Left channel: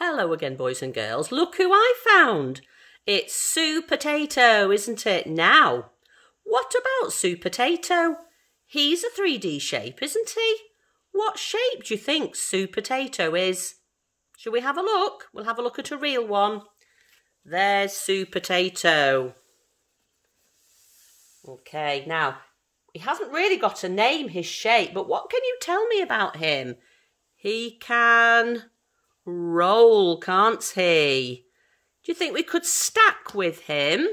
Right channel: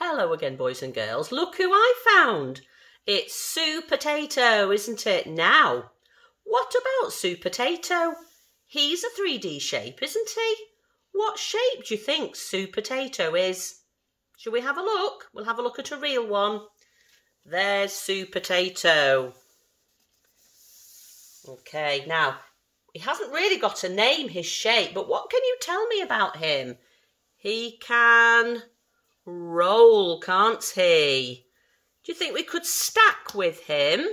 Hello again, boys and girls. Look who I found. It's Sue Potato, isn't it? Now, what about Sue Potato? He's a 3D shape, isn't he? What shape do you think Sue Potato is? Shall we have a look? We'll have a look at a real one. There's Sue Potato. Okay, now, he hasn't really got a name, his shape, but what can you tell me about him? He can roll, can't he? Do you think we could stack with him?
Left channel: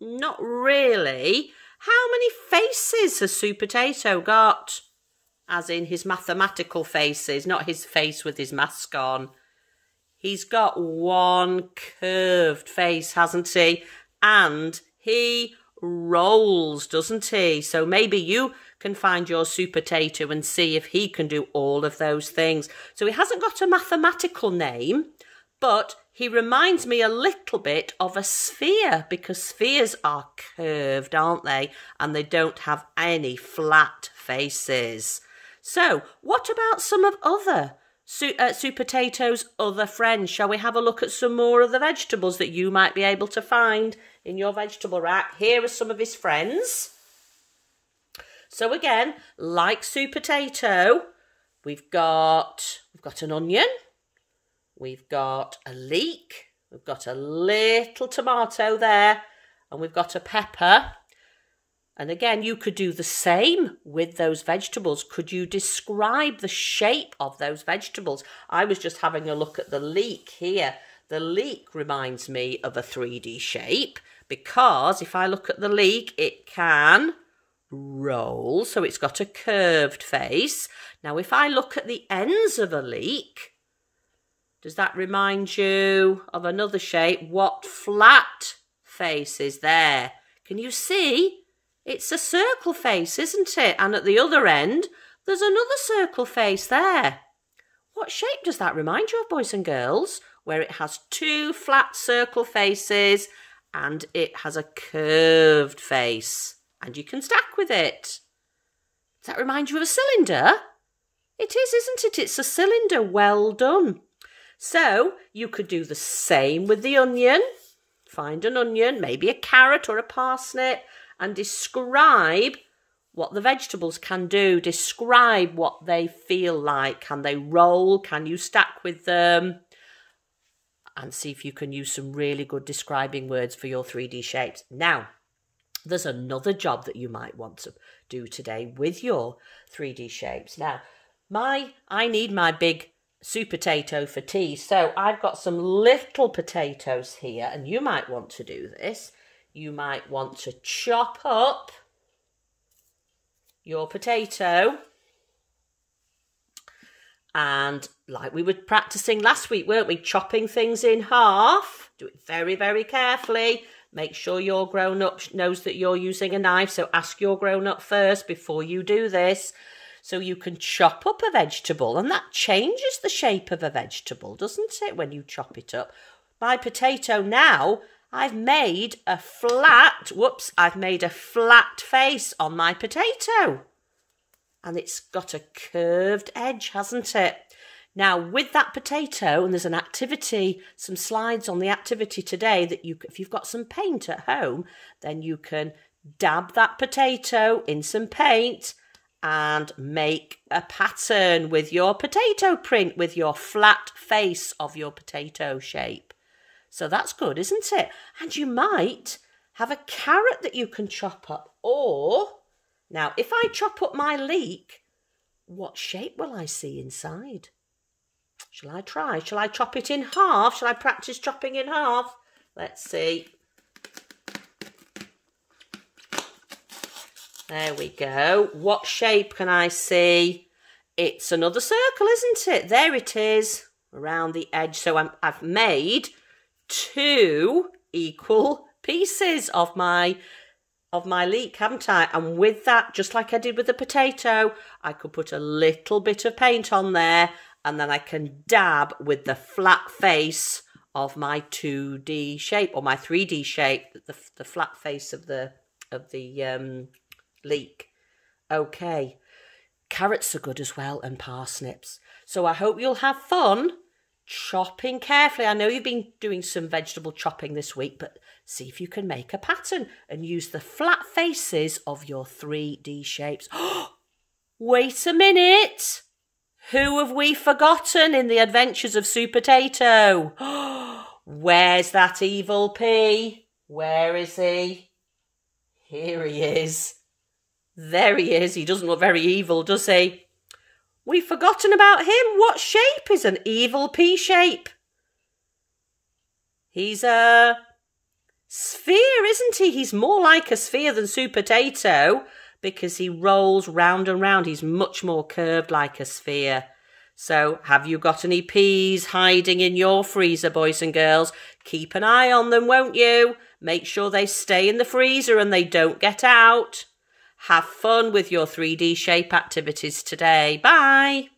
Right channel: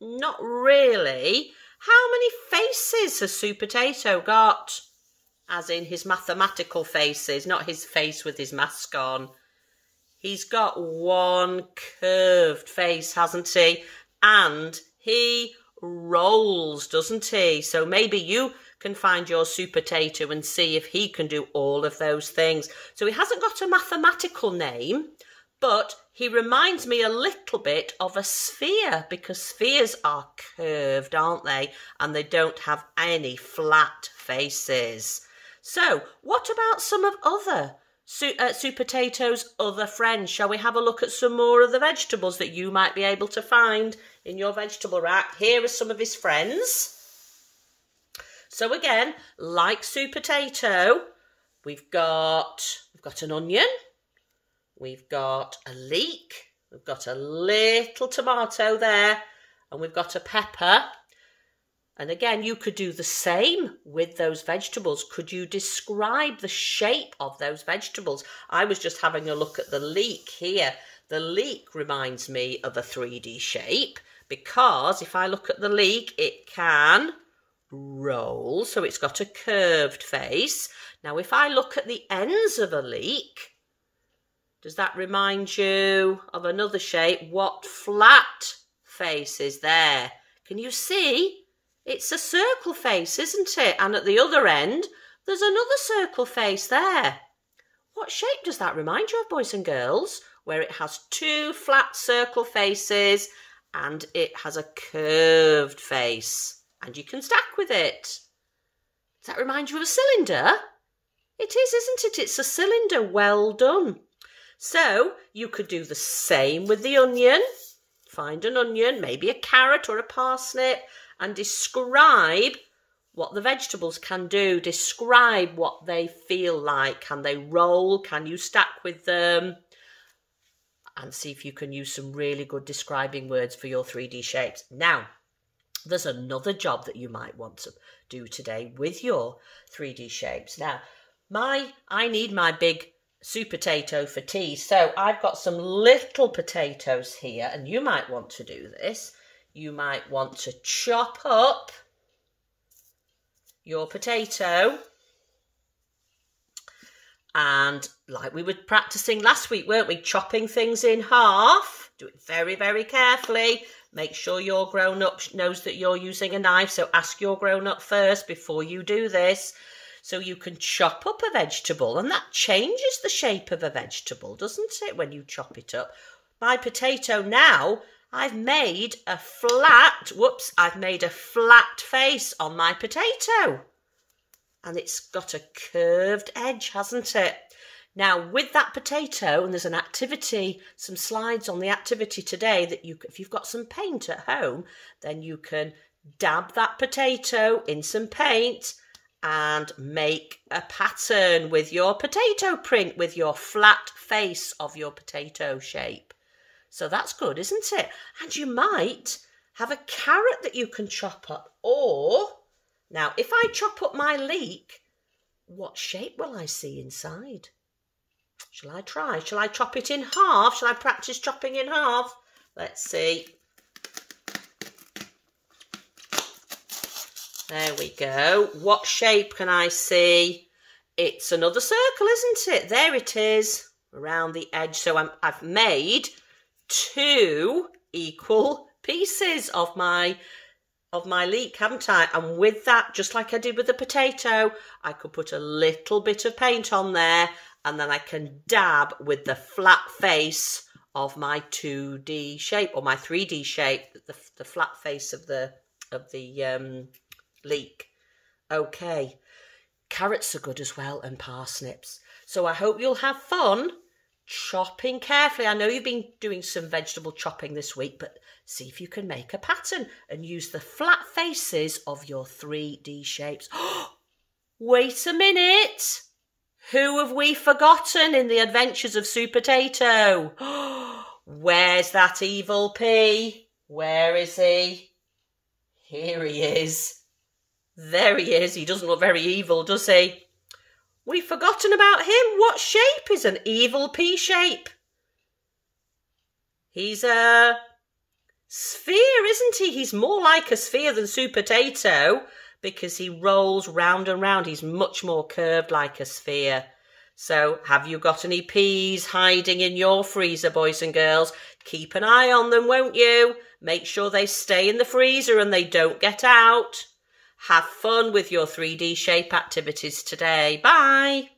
Not really. How many faces has Sue Potato got? As in his mathematical faces, not his face with his mask on. He's got one curved face, hasn't he? And he rolls, doesn't he? So maybe you can find your Sue Potato and see if he can do all of those things. So he hasn't got a mathematical name, but he reminds me a little bit of a sphere, because spheres are curved, aren't they? And they don't have any flat faces. So what about some of other Sue Potato's other friends? Shall we have a look at some more of the vegetables that you might be able to find in your vegetable rack? Here are some of his friends. So again, like Sue Potato, we've got an onion, we've got a leek, we've got a little tomato there, and we've got a pepper. And again, you could do the same with those vegetables. Could you describe the shape of those vegetables? I was just having a look at the leek here. The leek reminds me of a 3D shape, because if I look at the leek, it can roll, so it's got a curved face. Now, if I look at the ends of a leek, does that remind you of another shape? What flat face is there? Can you see? It's a circle face, isn't it? And at the other end, there's another circle face there. What shape does that remind you of, boys and girls? Where it has two flat circle faces and it has a curved face. And you can stack with it. Does that remind you of a cylinder? It is, isn't it? It's a cylinder. Well done. So you could do the same with the onion. Find an onion, maybe a carrot or a parsnip, and describe what the vegetables can do. Describe what they feel like. Can they roll? Can you stack with them? And see if you can use some really good describing words for your 3D shapes. Now, there's another job that you might want to do today with your 3D shapes. Now, I need my big Sue Potato for tea, so I've got some little potatoes here, and you might want to do this. You might want to chop up your potato, and like we were practicing last week, weren't we? Chopping things in half. Do it very, very carefully. Make sure your grown-up knows that you're using a knife, so ask your grown-up first before you do this. So you can chop up a vegetable, and that changes the shape of a vegetable, doesn't it, when you chop it up? My potato now, I've made a flat face on my potato. And it's got a curved edge, hasn't it? Now, with that potato, and there's an activity, some slides on the activity today that if you've got some paint at home, then you can dab that potato in some paint and make a pattern with your potato print, with your flat face of your potato shape. So that's good, isn't it? And you might have a carrot that you can chop up. Or, now, if I chop up my leek, what shape will I see inside? Shall I try? Shall I chop it in half? Shall I practice chopping in half? Let's see. There we go. What shape can I see? It's another circle, isn't it? There it is, around the edge. So I've made two equal pieces of my leek, haven't I? And with that, just like I did with the potato, I could put a little bit of paint on there, and then I can dab with the flat face of my 2D shape, or my 3D shape, the flat face of the leek. Okay, carrots are good as well, and parsnips. So I hope you'll have fun chopping carefully. I know you've been doing some vegetable chopping this week, but see if you can make a pattern and use the flat faces of your 3D shapes. Wait a minute. Who have we forgotten in the adventures of Supertato? Where's that evil P? Where is he? Here he is. There he is. He doesn't look very evil, does he? We've forgotten about him. What shape is an evil P shape? He's a sphere, isn't he? He's more like a sphere than Supertato because he rolls round and round. He's much more curved like a sphere. So have you got any peas hiding in your freezer, boys and girls? Keep an eye on them, won't you? Make sure they stay in the freezer and they don't get out. Have fun with your 3D shape activities today. Bye.